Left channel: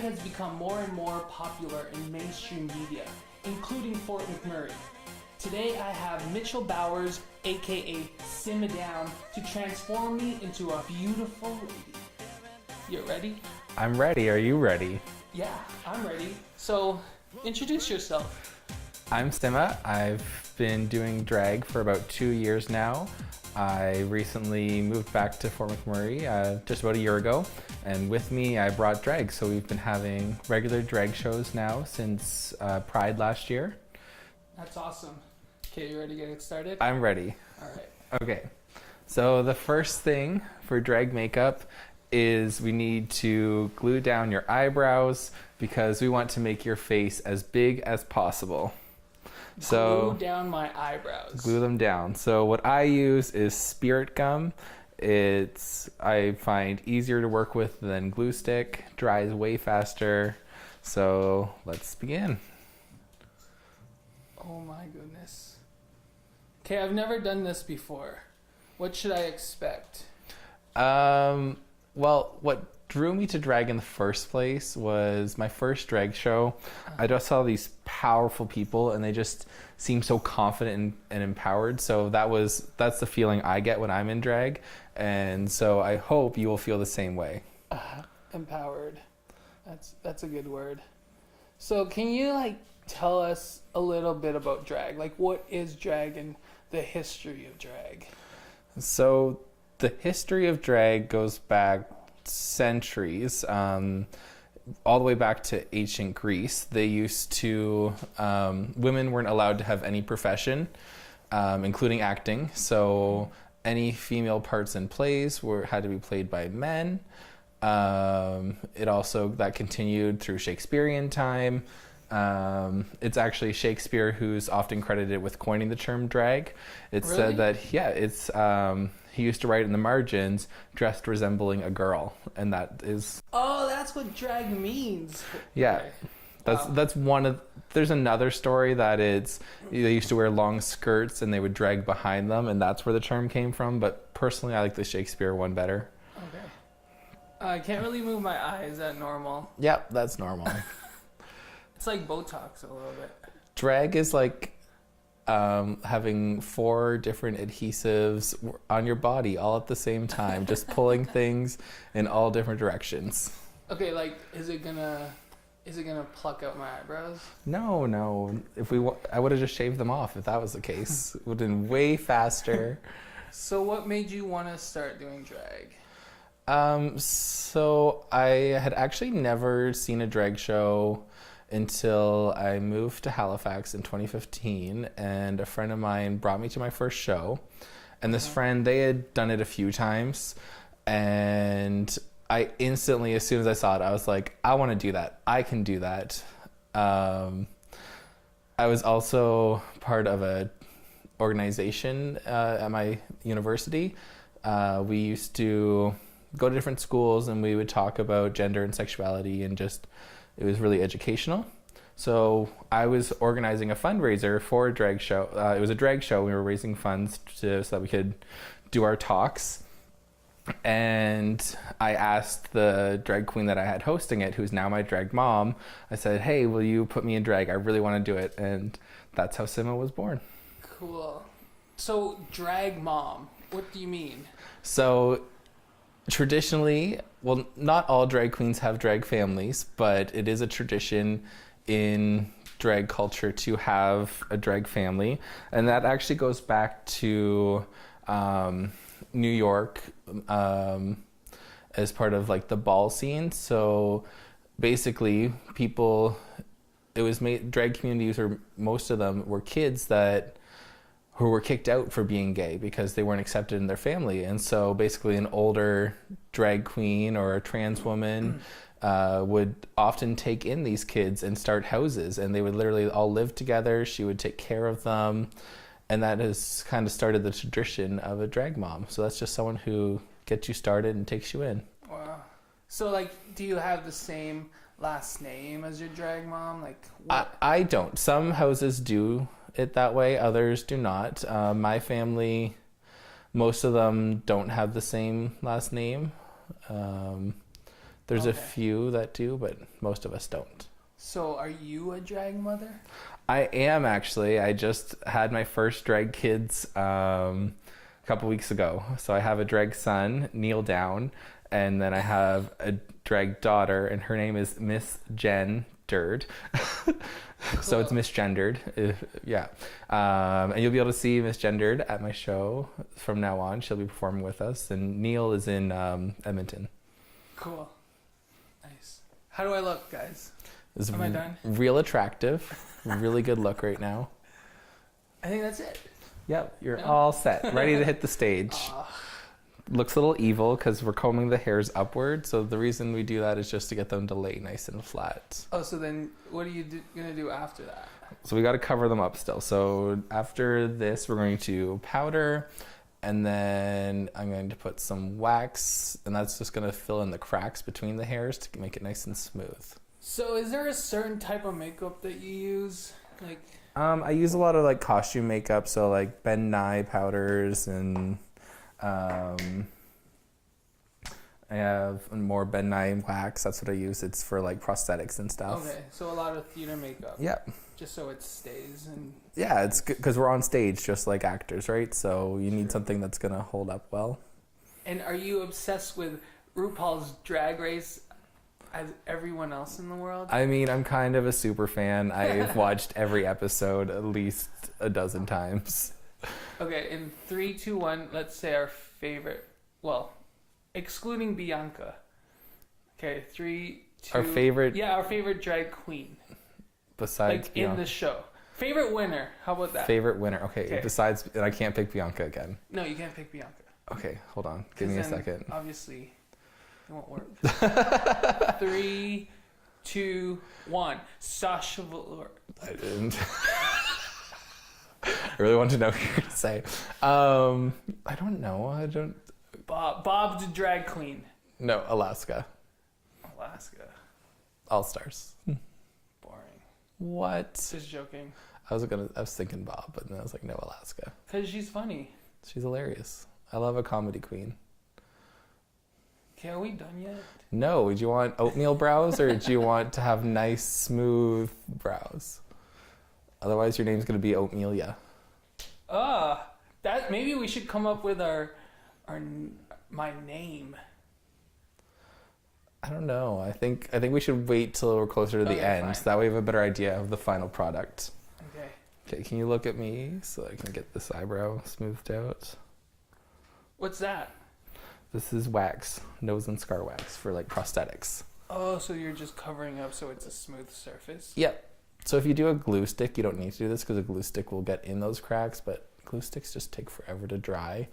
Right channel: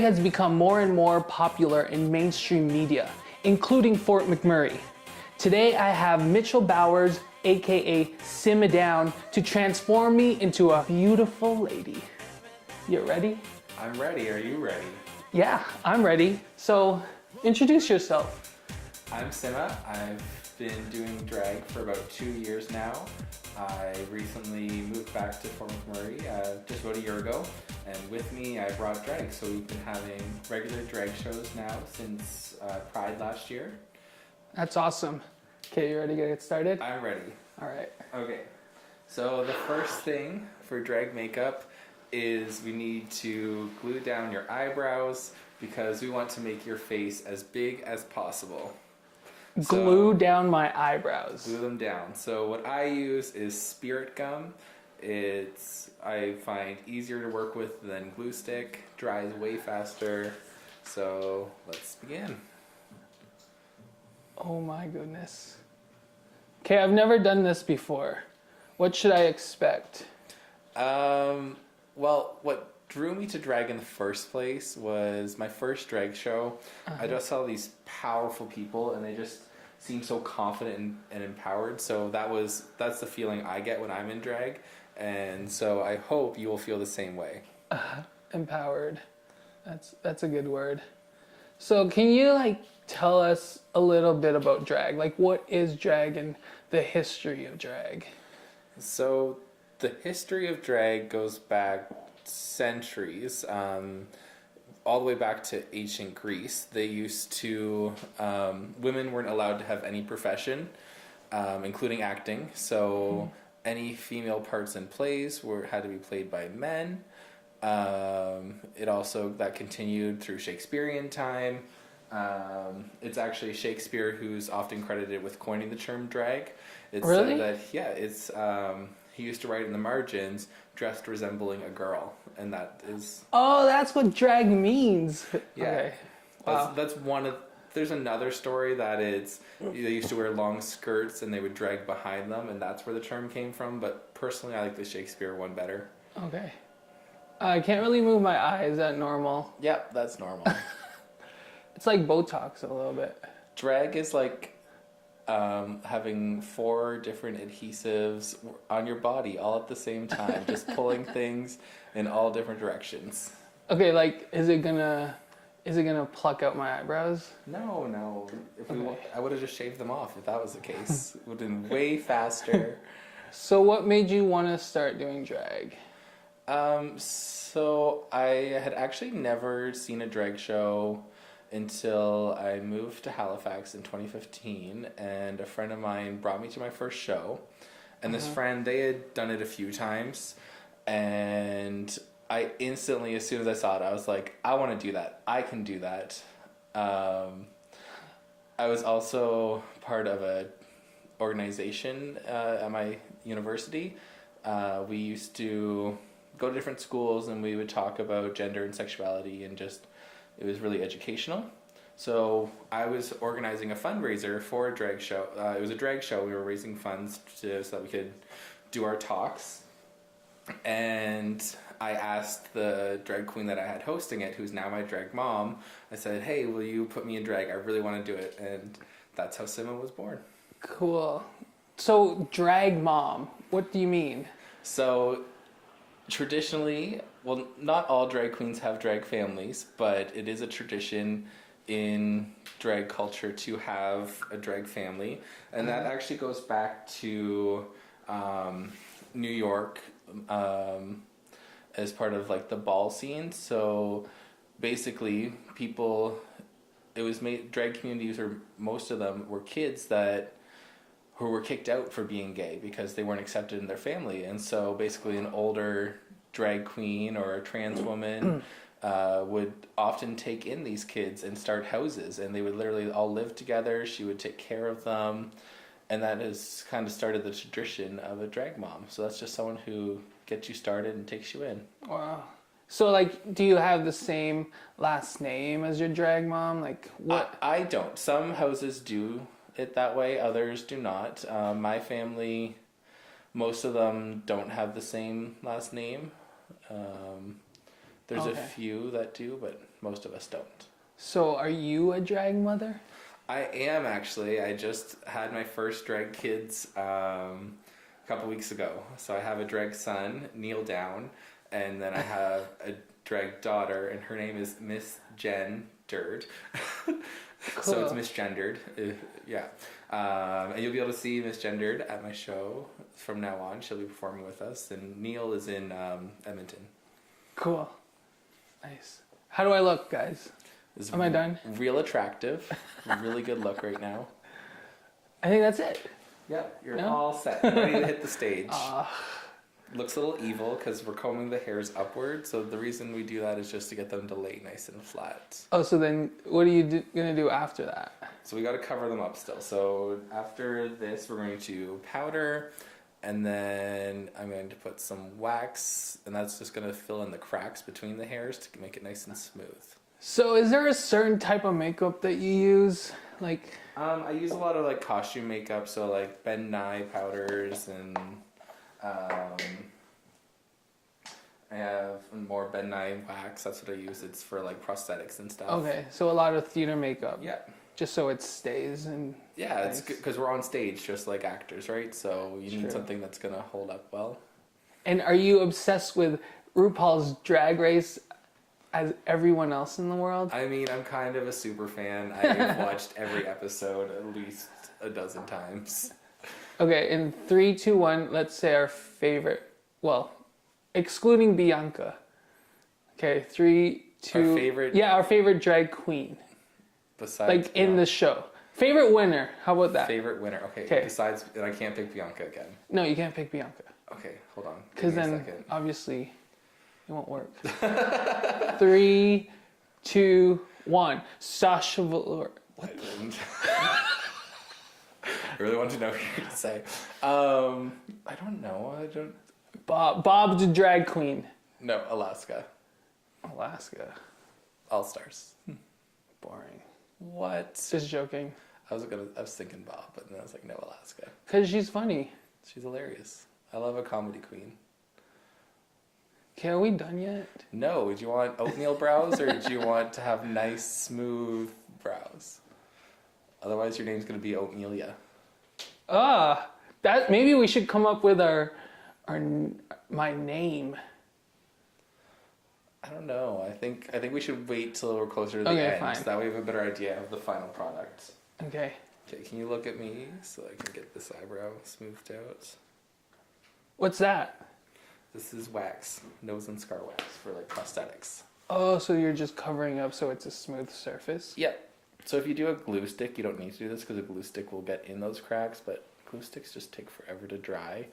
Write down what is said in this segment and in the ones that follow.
drag has become more and more popular in mainstream media, including Fort McMurray. Today I have Mitchell Bowers, aka Simma Downe, to transform me into a beautiful lady. You ready? I'm ready. Are you ready? Yeah, I'm ready. So, introduce yourself. I'm Simma. I've been doing drag for about 2 years now. I recently moved back to Fort McMurray just about a year ago, and with me I brought drag. So we've been having regular drag shows now since Pride last year. That's awesome. Okay, you ready to get started? I'm ready. All right. Okay, so the first thing for drag makeup is we need to glue down your eyebrows because we want to make your face as big as possible. Glue down my eyebrows. Glue them down. So what I use is spirit gum. I find easier to work with than glue stick. Dries way faster. So let's begin. Oh my goodness. Okay, I've never done this before. What should I expect? Well, what drew me to drag in the first place was my first drag show. I just saw these powerful people and they just seemed so confident and empowered. So that's the feeling I get when I'm in drag. And so I hope you will feel the same way. Empowered. That's a good word. So can you tell us a little bit about drag? What is drag and the history of drag? So the history of drag goes back centuries, all the way back to ancient Greece. They used to, women weren't allowed to have any profession, including acting. So any female parts in plays had to be played by men. That continued through Shakespearean time. It's actually Shakespeare who's often credited with coining the term drag. It's really? said that, he used to write in the margins, dressed resembling a girl, and that is... Oh, that's what drag means. Yeah. Okay. That's one of... There's another story that they used to wear long skirts and they would drag behind them, and that's where the term came from, but personally I like the Shakespeare one better. Okay. I can't really move my eyes. Is that normal? Yep, that's normal. It's like Botox a little bit. Drag is like having 4 different adhesives on your body all at the same time, just pulling things in all different directions. Okay, is it gonna pluck out my eyebrows? No. I would have just shaved them off if that was the case. It would have been way faster. So what made you want to start doing drag? So I had actually never seen a drag show until I moved to Halifax in 2015, and a friend of mine brought me to my first show. And this friend, they had done it a few times, and I instantly, as soon as I saw it, I was like, I want to do that. I can do that. I was also part of a organization at my university. We used to go to different schools and we would talk about gender and sexuality, and it was really educational. So I was organizing a fundraiser for a drag show. It was a drag show. We were raising funds so that we could do our talks. And I asked the drag queen that I had hosting it, who's now my drag mom, I said, hey, will you put me in drag? I really want to do it. And that's how Simma was born. Cool. So drag mom, what do you mean? So traditionally, well, not all drag queens have drag families, but it is a tradition in drag culture to have a drag family. And that actually goes back to New York as part of the ball scene. So basically drag communities, or most of them were kids who were kicked out for being gay because they weren't accepted in their family. And so basically an older drag queen or a trans woman would often take in these kids and start houses, and they would literally all live together. She would take care of them, and that has kind of started the tradition of a drag mom. So that's just someone who gets you started and takes you in. Wow. So do you have the same last name as your drag mom? What? I don't. Some houses do it that way, others do not. My family, most of them don't have the same last name. There's a few that do, but most of us don't. So are you a drag mother? I am actually. I just had my first drag kids a couple weeks ago. So I have a drag son, Neil Downe, and then I have a drag daughter, and her name is Misgendered. So it's misgendered. Yeah. And you'll be able to see Misgendered at my show from now on. She'll be performing with us. And Neil is in Edmonton. Cool. Nice. How do I look, guys? Am I done? Real attractive. Really good look right now. I think that's it. Yep, you're all set. Ready to hit the stage. Looks a little evil because we're combing the hairs upward. So the reason we do that is just to get them to lay nice and flat. Oh, so then what are you going to do after that? So we got to cover them up still. So after this, we're going to powder. And then I'm going to put some wax. And that's just going to fill in the cracks between the hairs to make it nice and smooth. So is there a certain type of makeup that you use? Like, I use a lot of like costume makeup. So like Ben Nye powders and... I have more Ben Nye wax. That's what I use. It's for like prosthetics and stuff. okay, so a lot of theater makeup. Yeah. Just so it stays and... Yeah, it's good because we're on stage just like actors, right? So you need something that's going to hold up well. And are you obsessed with RuPaul's Drag Race as everyone else in the world? I mean, I'm kind of a super fan. I've watched every episode at least a dozen times. Okay, in 3, 2, 1, let's say our favorite. Well, excluding Bianca. Okay, 3, 2... Our favorite... Yeah, our favorite drag queen. Besides like, in the show. Favorite winner. How about that? Favorite winner. Okay, besides... And I can't pick Bianca again. No, you can't pick Bianca. Okay, hold on. Give me a second. Obviously, it won't work. 3, 2, 1. Sasha Velour. I didn't... I really want to know what you're going to say. I don't know. I don't... Bob the drag queen. No, Alaska. Alaska. All-Stars. Boring. What? Just joking. I was thinking Bob, but then I was like, no, Alaska. Because she's funny. She's hilarious. I love a comedy queen. Okay, are we done yet? No. Do you want oatmeal brows or do you want to have nice, smooth brows? Otherwise, your name's going to be Oatmelia. That maybe we should come up with my name. I don't know. I think we should wait till we're closer to the end, fine. so that way we have a better idea of the final product. Okay. Okay, can you look at me so I can get this eyebrow smoothed out? What's that? This is wax, nose and scar wax for like prosthetics. Oh, so you're just covering up so it's a smooth surface? Yeah. So if you do a glue stick, you don't need to do this because a glue stick will get in those cracks, but glue sticks just take forever to dry.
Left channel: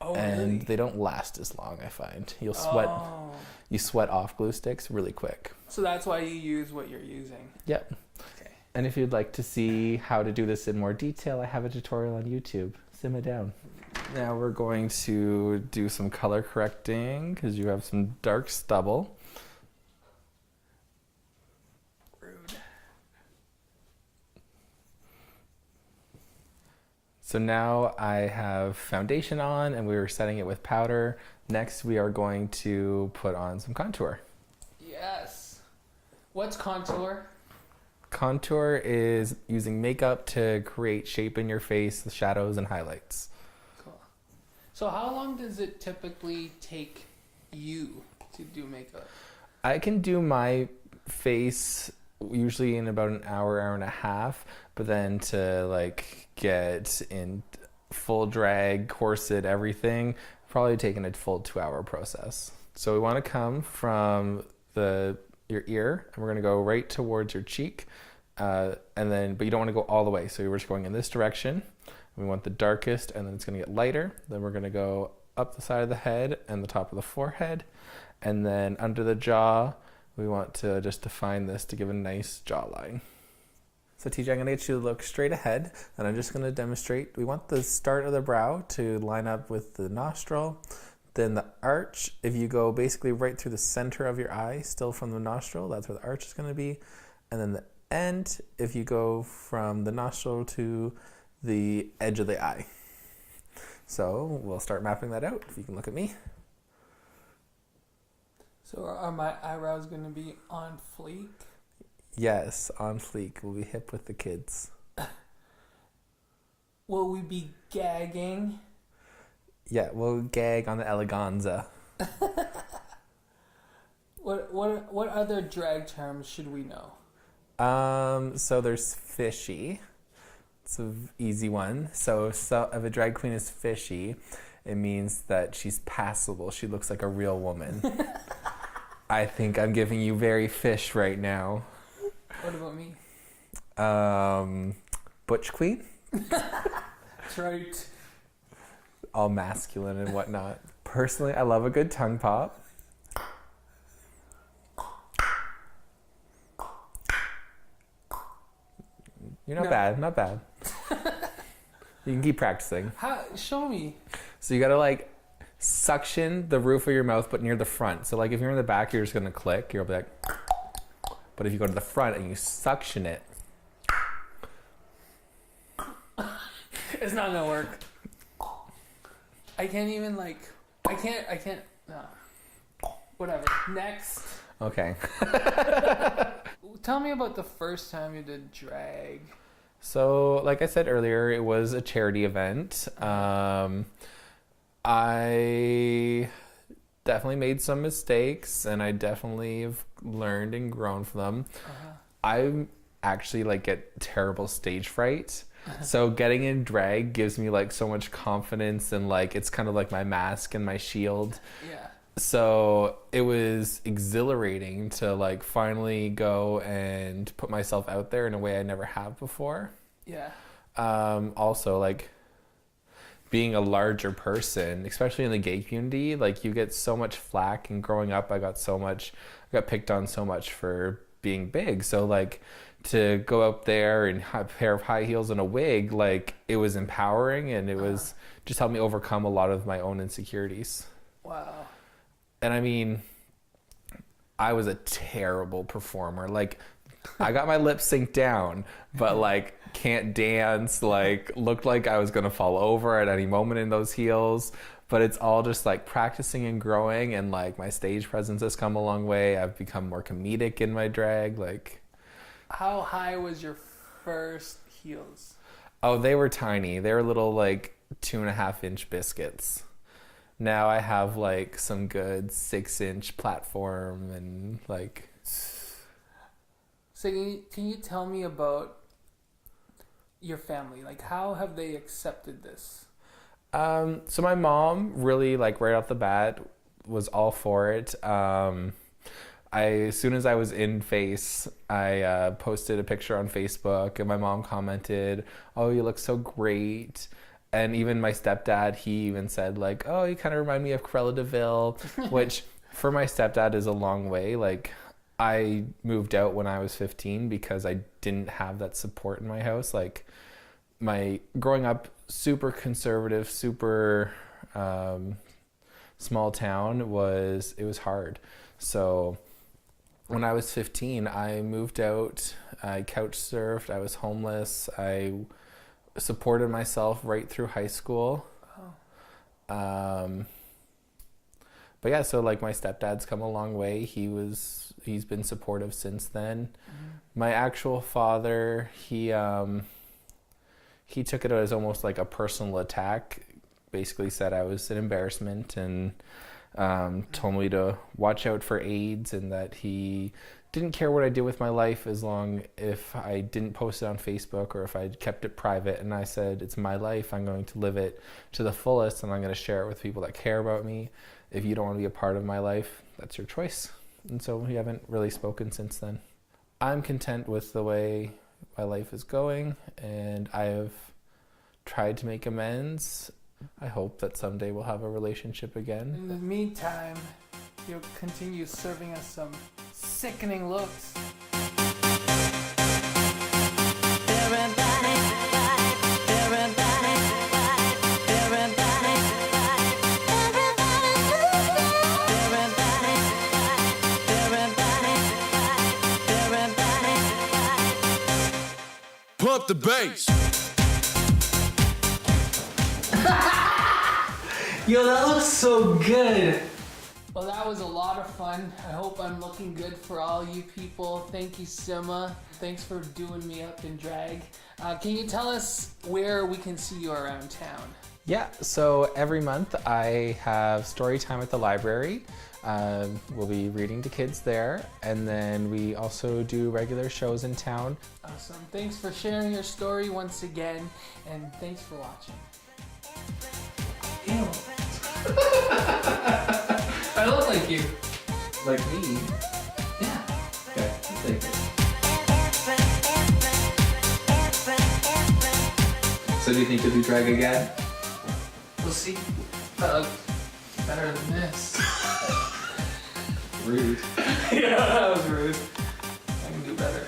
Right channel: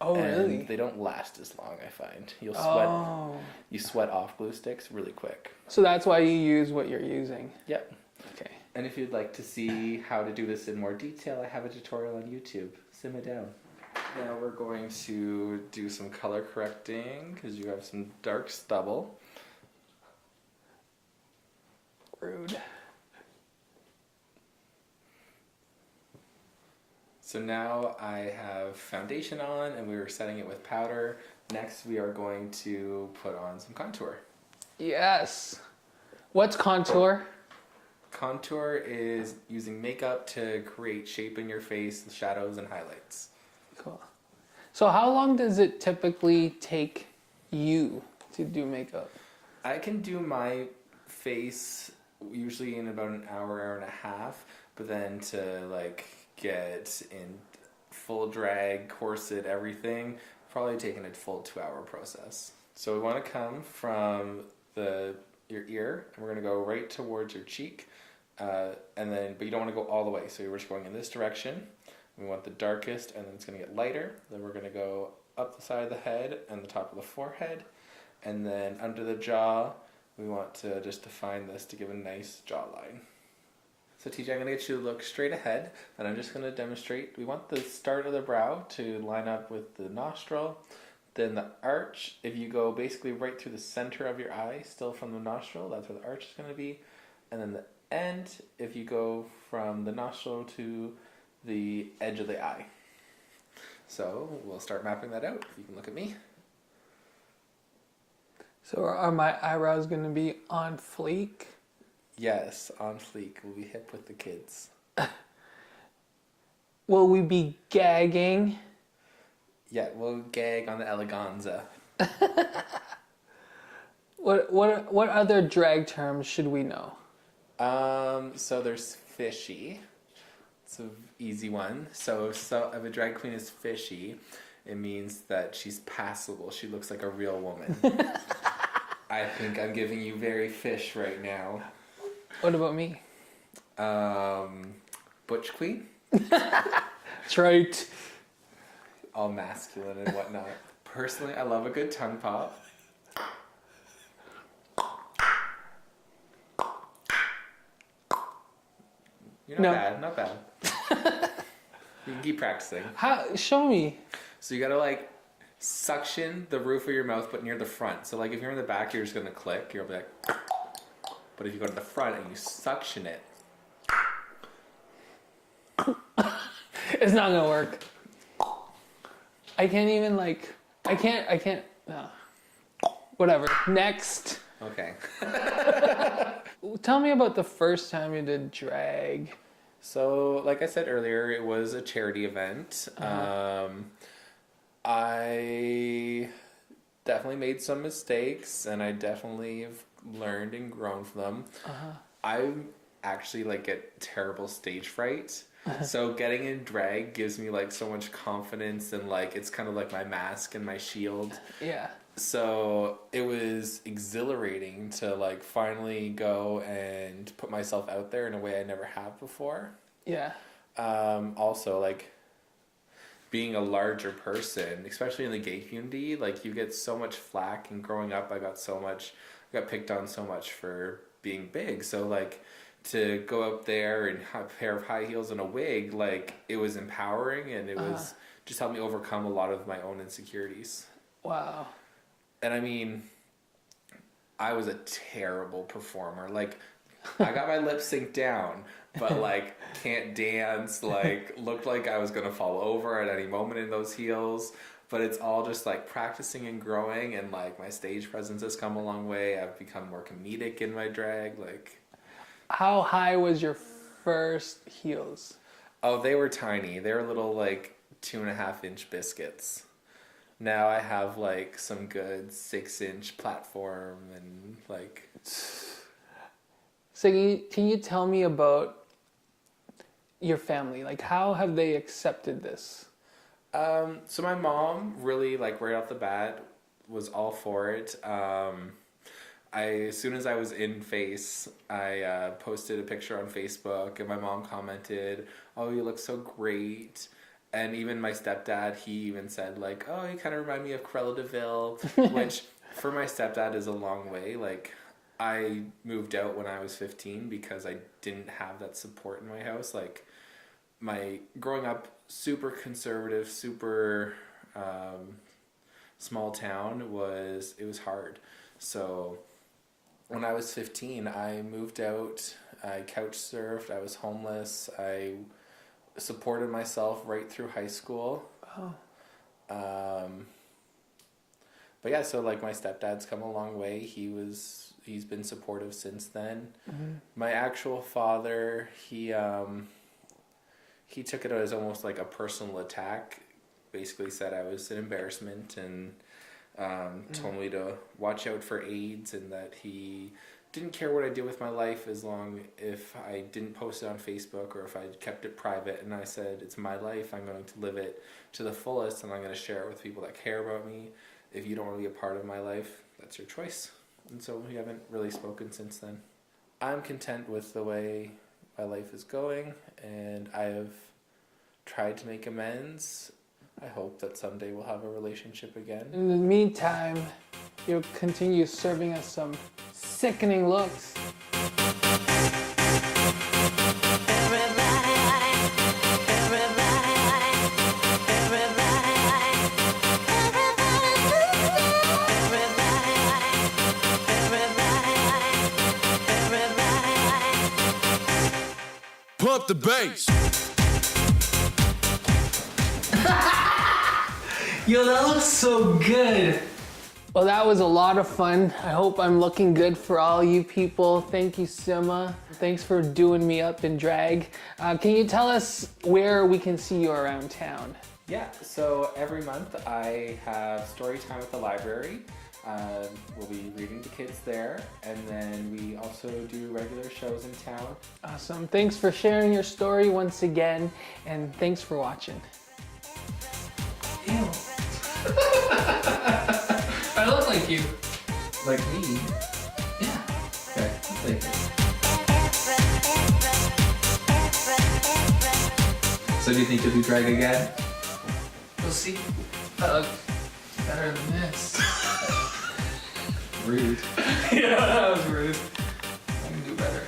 Oh, and really? they don't last as long, I find. You sweat off glue sticks really quick. So that's why you use what you're using. Yep. Okay. And if you'd like to see how to do this in more detail, I have a tutorial on YouTube. Simma Downe. Now we're going to do some color correcting because you have some dark stubble. Rude. So now I have foundation on and we were setting it with powder. Next we are going to put on some contour. Yes. What's contour? Contour is using makeup to create shape in your face, the shadows and highlights. Cool. So how long does it typically take you to do makeup? I can do my face usually in about an hour, hour and a half, but then to like get in full drag, corset, everything, probably taking a full 2-hour process. So we want to come from your ear, and we're going to go right towards your cheek, but you don't want to go all the way. So we're just going in this direction. We want the darkest, and then it's going to get lighter. Then we're going to go up the side of the head and the top of the forehead, and then under the jaw, we want to just define this to give a nice jawline. So TJ, I'm going to get you to look straight ahead, and I'm just going to demonstrate. We want the start of the brow to line up with the nostril, then the arch. If you go basically right through the center of your eye, still from the nostril, that's where the arch is going to be. And then the end, if you go from the nostril to the edge of the eye. So we'll start mapping that out, if you can look at me. So are my eyebrows going to be on fleek? Yes, on fleek. We'll be hip with the kids. Will we be gagging? Yeah, we'll gag on the eleganza. What other drag terms should we know? So there's fishy. It's an easy one. So if a drag queen is fishy, it means that she's passable. She looks like a real woman. I think I'm giving you very fish right now. What about me? Butch queen? That's right. All masculine and whatnot. Personally, I love a good tongue pop. You're not bad. You can keep practicing. How? Show me. So you gotta like suction the roof of your mouth, but near the front. So like if you're in the back, you're just gonna click. You'll be like, but if you go to the front and you suction it, it's not gonna work. I can't even like. I can't. Whatever. Next. Okay. Tell me about the first time you did drag. So, like I said earlier, it was a charity event. I definitely made some mistakes, and I definitely have learned and grown from them. I actually like get terrible stage fright. So getting in drag gives me like so much confidence, and like it's kind of like my mask and my shield. Yeah. So it was exhilarating to like finally go and put myself out there in a way I never have before. Yeah. Also like being a larger person, especially in the gay community, like you get so much flack, and growing up I got picked on so much for being big. So like to go up there and have a pair of high heels and a wig, like it was empowering, and it was just helped me overcome a lot of my own insecurities. Wow. And I mean, I was a terrible performer. Like, I got my lip sync down, but like, can't dance, like, looked like I was going to fall over at any moment in those heels. But it's all just like practicing and growing, and like my stage presence has come a long way. I've become more comedic in my drag. Like, how high was your first heels? Oh, they were tiny. They were little like 2.5-inch biscuits. Now I have like some good 6-inch platform, and like. So can you tell me about your family? Like, how have they accepted this? So my mom really, like, right off the bat was all for it. As soon as I was in face, I posted a picture on Facebook, and my mom commented, "Oh, you look so great." And even my stepdad, he even said, like, "Oh, you kind of remind me of Cruella de Vil," which for my stepdad is a long way. Like, I moved out when I was 15 because I didn't have that support in my house. Like, my growing up, super conservative, super small town, it was hard. So when I was 15, I moved out. I couch surfed. I was homeless. I supported myself right through high school. But yeah, so like my stepdad's come a long way. He's been supportive since then. My actual father, he took it as almost like a personal attack. Basically said I was an embarrassment, and told me to watch out for AIDS, and that he didn't care what I did with my life as long if I didn't post it on Facebook or if I kept it private. And I said, it's my life. I'm going to live it to the fullest, and I'm going to share it with people that care about me. If you don't want to be a part of my life, that's your choice. And so we haven't really spoken since then. I'm content with the way my life is going, and I have tried to make amends. I hope that someday we'll have a relationship again. In the meantime, you'll continue serving us some sickening looks. Everybody, everybody, everybody, everybody, everybody, everybody, everybody. Pump the bass. Yo, that looks so good. Well, that was a lot of fun. I hope I'm looking good for all you people. Thank you, Simma. Thanks for doing me up in drag. Can you tell us where we can see you around town? Yeah, so every month I have story time at the library. We'll be reading to kids there, and then we also do regular shows in town. Awesome. Thanks for sharing your story once again, and thanks for watching. Ew. I look like you. Like me? Yeah. Okay, I'll take it. So do you think you'll do drag again? We'll see. That looks better than this. Rude. Yeah, that was rude. I can do better.